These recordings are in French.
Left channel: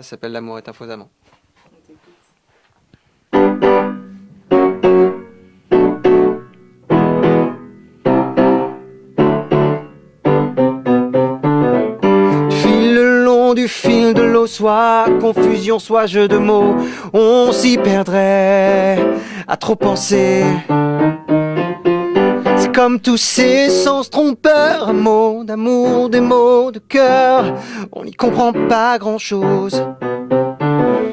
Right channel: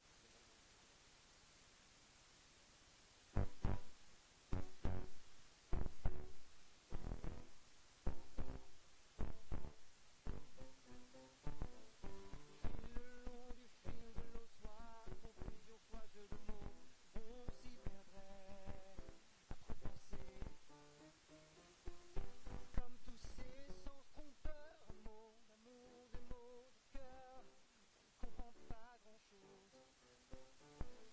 Ça s'appelle L'amour est un faux amant. Du fil le long du fil de l'eau, soit confusion, soit jeu de mots, on s'y perdrait à trop penser. C'est comme tous ces sens trompeurs, un mot d'amour, des mots de cœur, on n'y comprend pas grand-chose.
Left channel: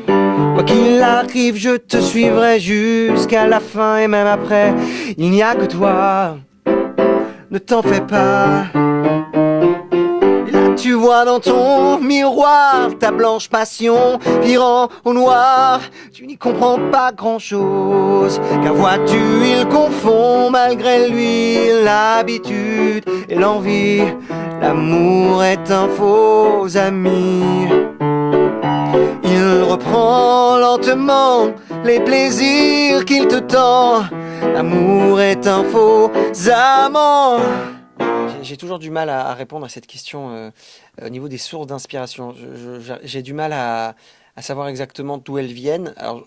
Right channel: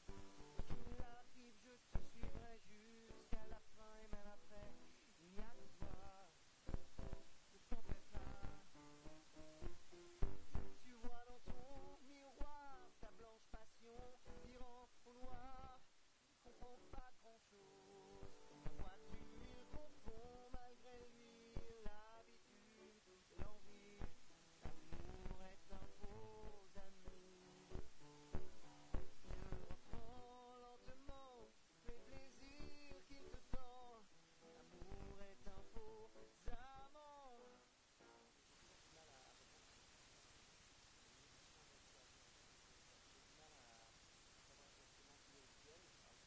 Quoi qu'il arrive, je te suivrai jusqu'à la fin et même après. Il n'y a que toi, ne t'en fais pas. Et là tu vois dans ton miroir ta blanche passion virant au noir. Tu n'y comprends pas grand-chose, car vois-tu, il confond malgré lui l'habitude et l'envie. L'amour est un faux ami. Il reprend lentement les plaisirs qu'il te tend. L'amour est un faux amant. J'ai toujours du mal à répondre à cette question au niveau des sources d'inspiration. J'ai du mal à savoir exactement d'où elles viennent. Alors,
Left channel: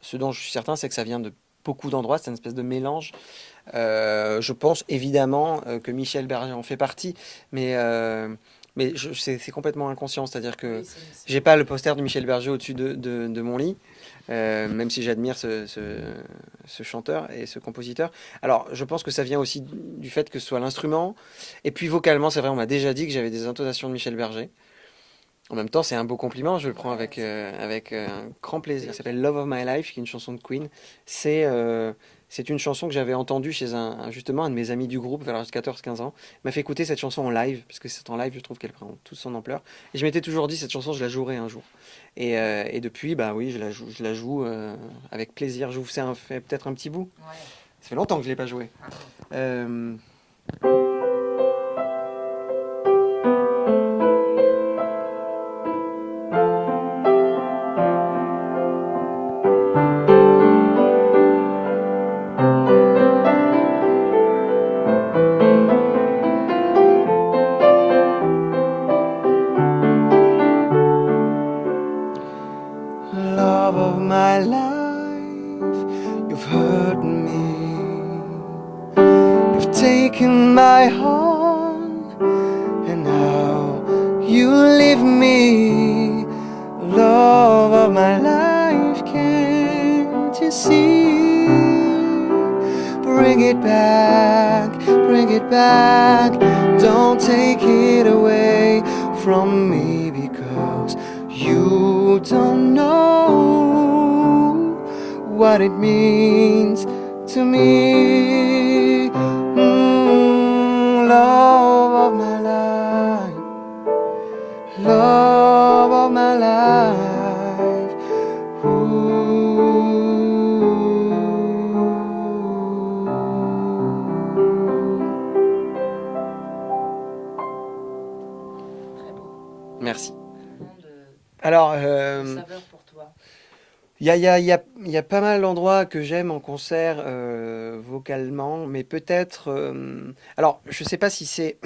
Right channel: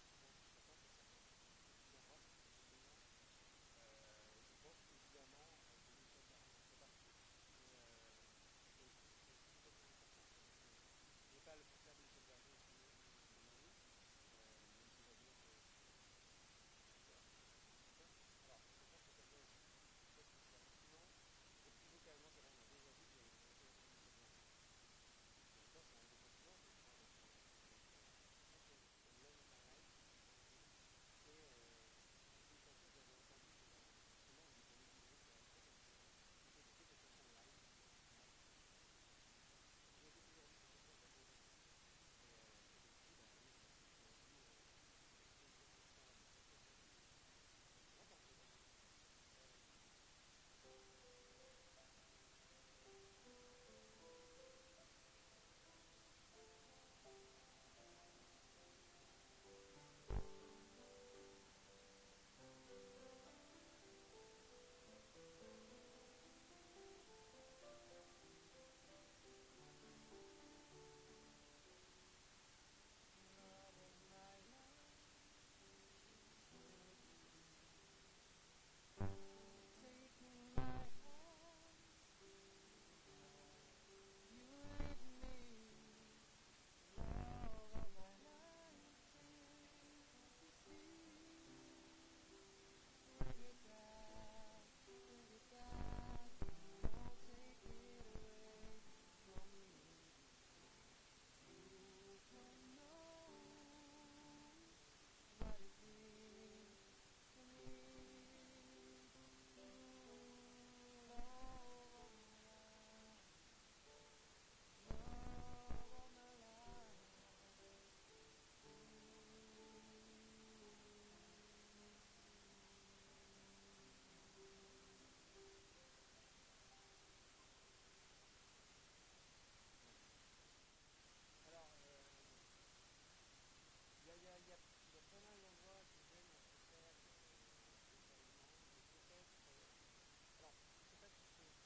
ce dont je suis certain, c'est que ça vient de beaucoup d'endroits. C'est une espèce de mélange. Je pense évidemment que Michel Berger en fait partie, mais c'est complètement inconscient. C'est-à-dire que j'ai pas le poster de Michel Berger au-dessus de mon lit, même si j'admire ce chanteur et ce compositeur. Alors, je pense que ça vient aussi du fait que ce soit l'instrument. Et puis vocalement, c'est vrai, on m'a déjà dit que j'avais des intonations de Michel Berger. En même temps, c'est un beau compliment, je le prends avec un grand plaisir. Ça s'appelle Love of My Life, qui est une chanson de Queen. C'est une chanson que j'avais entendue chez justement un de mes amis du groupe vers l'âge de 14-15 ans. Il m'a fait écouter cette chanson en live, parce que c'est en live, je trouve qu'elle prend toute son ampleur. Et je m'étais toujours dit, cette chanson, je la jouerai un jour. Et depuis, bah oui, je la joue avec plaisir. Je vous fais peut-être un petit bout. Ouais. Ça fait longtemps que je ne l'ai pas joué. Euh, Love of my life, you've hurt me. You've taken my heart, and now you leave me. Love of my life, can't you see? Bring it back, bring it back. Don't take it away from me, because you don't know what it means to me. Love of my life, love of my life. Ooh. Merci. Alors, il y a pas mal d'endroits que j'aime en concert vocalement, mais peut-être... alors, je sais pas si c'est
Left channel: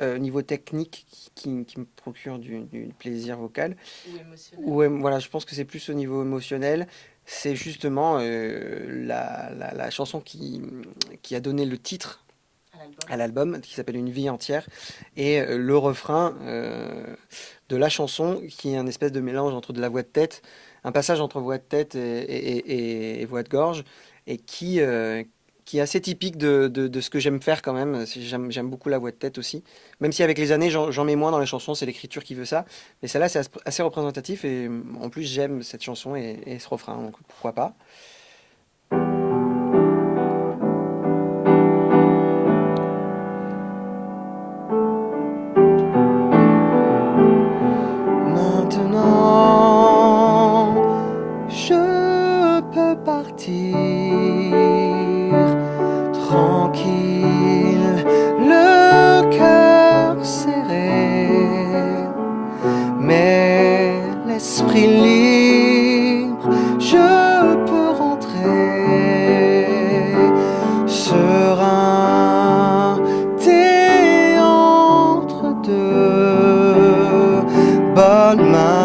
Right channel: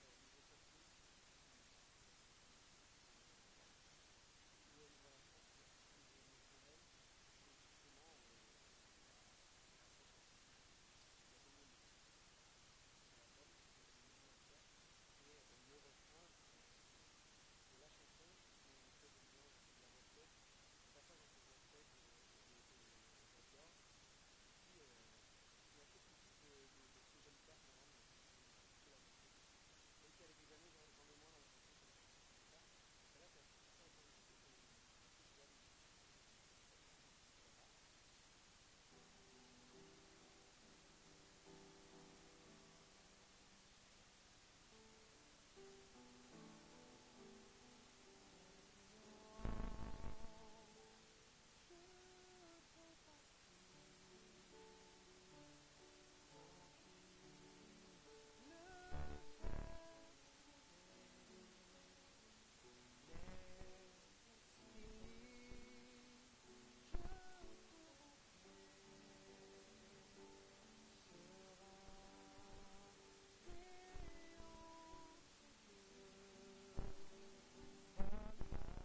niveau technique qui me procure du plaisir vocal. Ou émotionnel. Voilà, je pense que c'est plus au niveau émotionnel. C'est justement la chanson qui a donné le titre à l'album, qui s'appelle Une vie entière, et le refrain de la chanson, qui est un espèce de mélange entre de la voix de tête, un passage entre voix de tête et voix de gorge, et qui est assez typique de ce que j'aime faire quand même. J'aime beaucoup la voix de tête aussi, même si avec les années j'en mets moins dans les chansons, c'est l'écriture qui veut ça, mais celle-là c'est assez représentatif, et en plus j'aime cette chanson et ce refrain, donc pourquoi pas. Maintenant, je peux partir tranquille, le cœur serré, mais l'esprit libre. Je peux rentrer serein, t'es entre deux bonnes mains.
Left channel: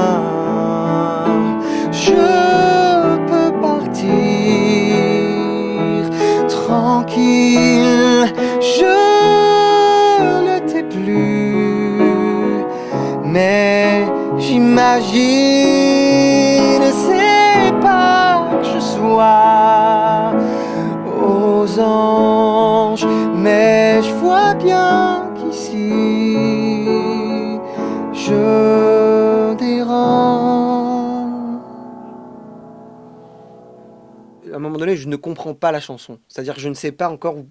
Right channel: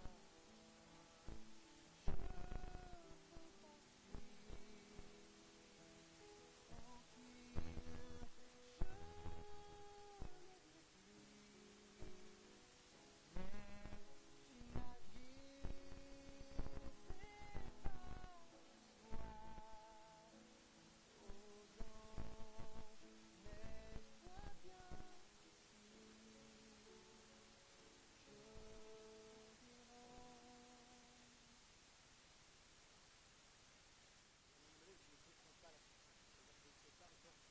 J'imagine, c'est pas que je sois aux anges, mais je vois bien qu'ici je dérange. À un moment donné, je ne comprends pas la chanson. C'est-à-dire que je ne sais pas encore où.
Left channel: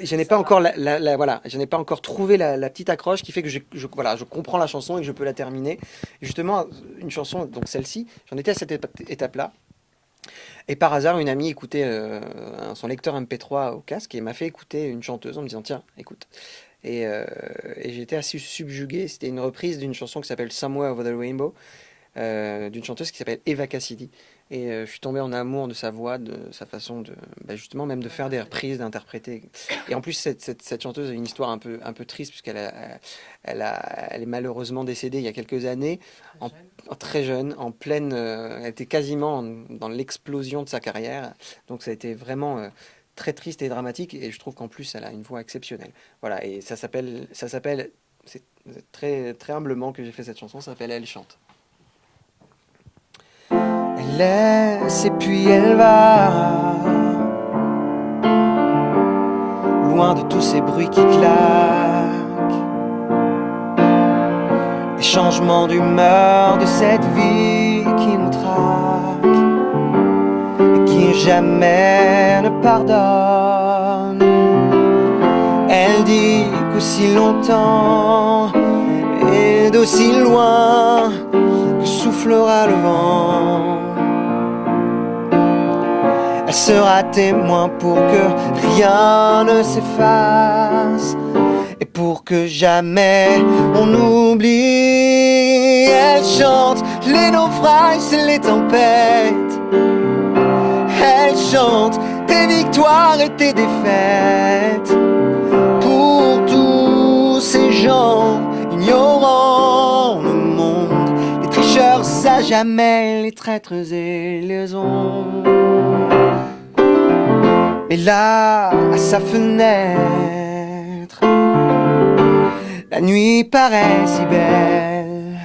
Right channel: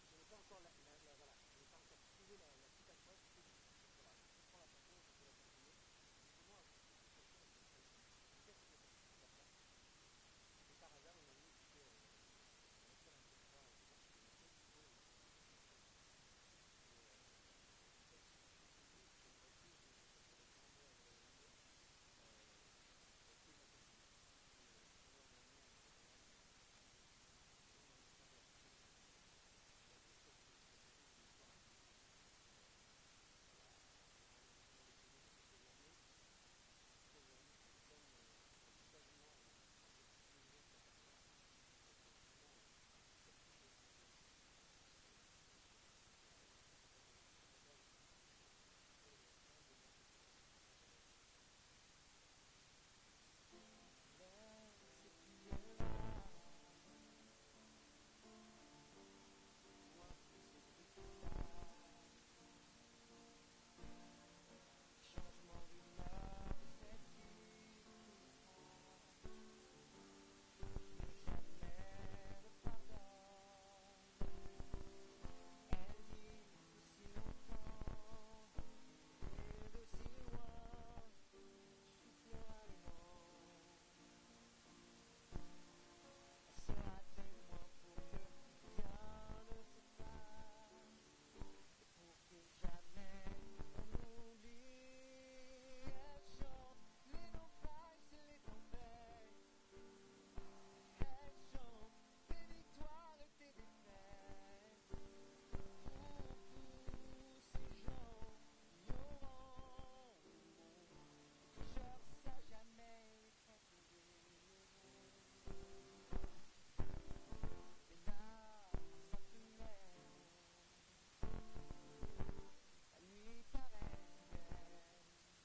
Je n'ai pas encore voilà, je n'ai pas encore trouvé la petite accroche qui fait que voilà, je comprends la chanson et que je peux la terminer. Et justement, une chanson, donc celle-ci, j'en étais à cette étape-là. Et par hasard, une amie écoutait son lecteur MP3 au casque et m'a fait écouter une chanteuse en me disant tiens, écoute. Et j'étais assez subjugué. C'était une reprise d'une chanson qui s'appelle Somewhere Over the Rainbow, d'une chanteuse qui s'appelle Eva Cassidy. Et je suis tombé en amour de sa voix, de sa façon de, justement, même de faire des reprises, d'interpréter. Et en plus, cette chanteuse a une histoire un peu triste, puisqu'elle elle est malheureusement décédée il y a quelques années, très jeune, en pleine. Elle était quasiment dans l'explosion de sa carrière. Donc ça a été vraiment très triste et dramatique. Et je trouve qu'en plus, elle a une voix exceptionnelle. Voilà, et ça s'appelle. C'est très, très humblement que j'ai fait cette chanson, ça s'appelle Elle chante. Elle laisse et puis elle va, loin de tous ces bruits qui claquent, des changements d'humeur de cette vie qui nous traque et qui jamais ne pardonne. Elle dit qu'aussi longtemps et d'aussi loin que soufflera le vent, elle sera témoin pour que rien ne s'efface et pour que jamais on oublie. Elle chante les naufrages et les tempêtes. Elle chante tes victoires et tes défaites. Pour tous ces gens ignorants le monde, les tricheurs à jamais, les traîtres et les ombres. Et là, à sa fenêtre, la nuit paraît si belle.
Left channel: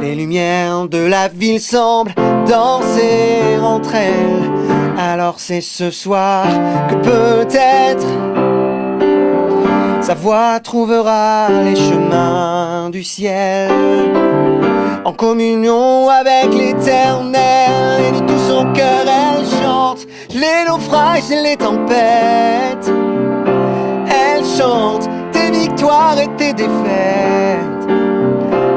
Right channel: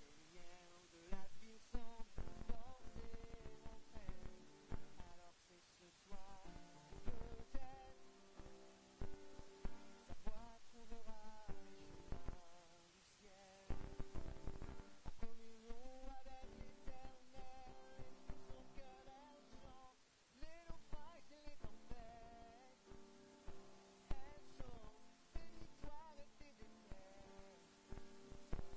Les lumières de la ville semblent danser entre elles. Alors c'est ce soir que peut-être sa voix trouvera les chemins du ciel, en communion avec l'éternel. Et de tout son cœur elle chante les naufrages et les tempêtes. Elle chante tes victoires et tes défaites.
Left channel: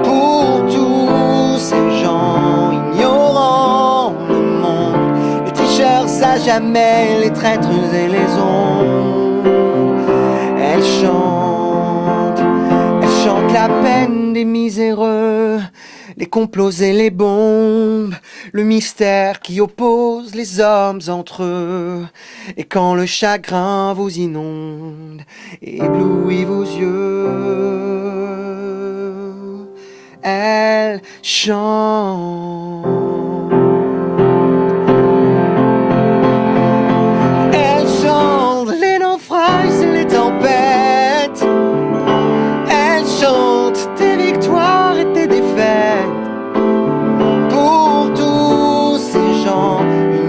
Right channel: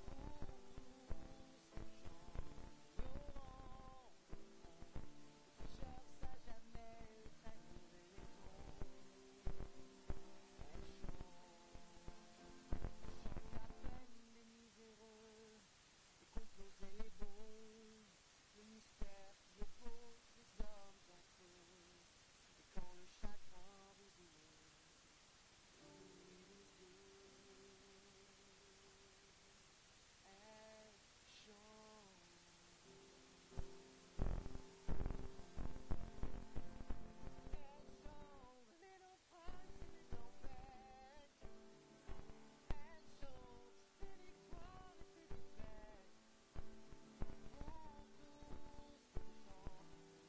Pour tous ces gens ignorant le monde, les tricheurs à jamais, les traîtres et les ombres. Elle chante la peine des miséreux, les complots et les bombes, le mystère qui oppose les hommes entre eux. Et quand le chagrin vous inonde et éblouit vos yeux, elle chante. Elle chante les naufrages et les tempêtes. Elle chante tes victoires et tes défaites. Pour tous ces gens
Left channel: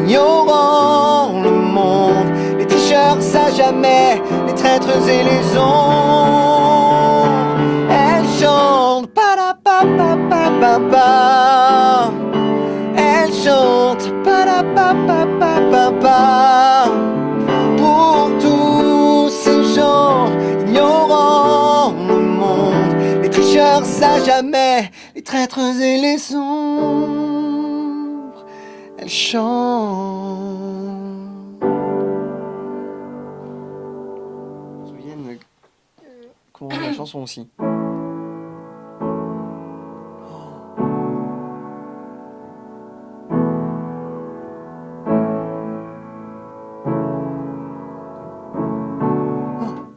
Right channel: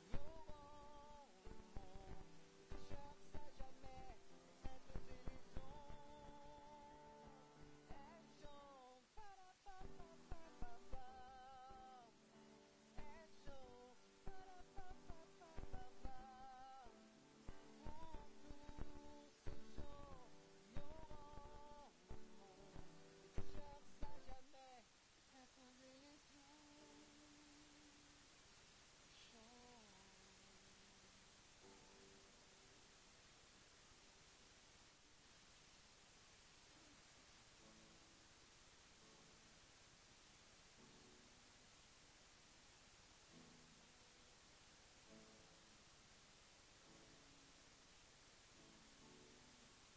ignorant le monde, les tricheurs à jamais, les traîtres et les ombres. Elle chante pa-da-pa-pa-pa-pa-pa. Elle chante pa-da-pa-pa-pa-pa-pa. Pour tous ces gens ignorant le monde, les tricheurs à jamais, les traîtres et les sombres. Elle chante. Je me souviens de comment la chanson aussi.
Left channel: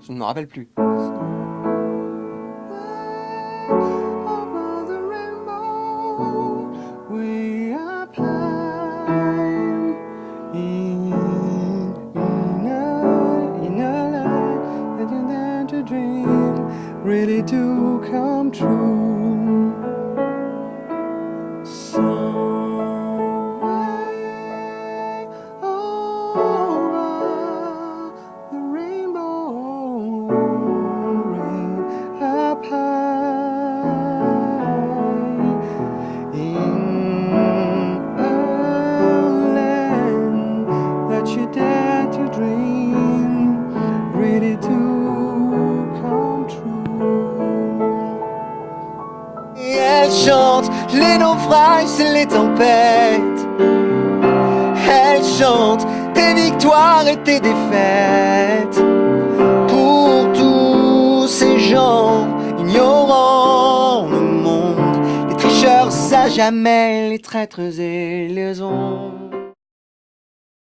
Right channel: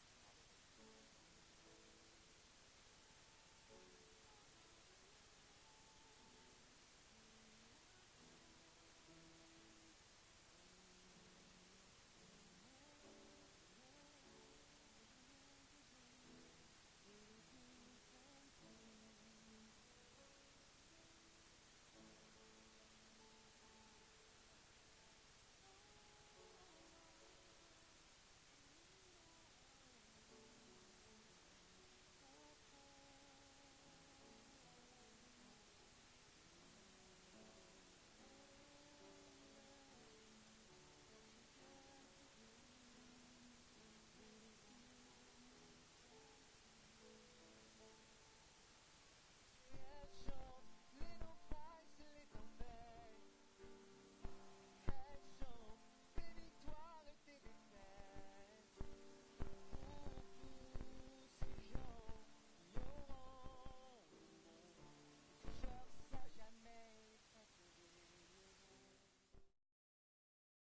Je ne me rappelle plus. Ready to come true. chante les naufrages et les tempêtes. Elle chante tes victoires et tes défaites. Pour tous ces gens ignorant le monde, les tricheurs à jamais, les traîtres et les ondes.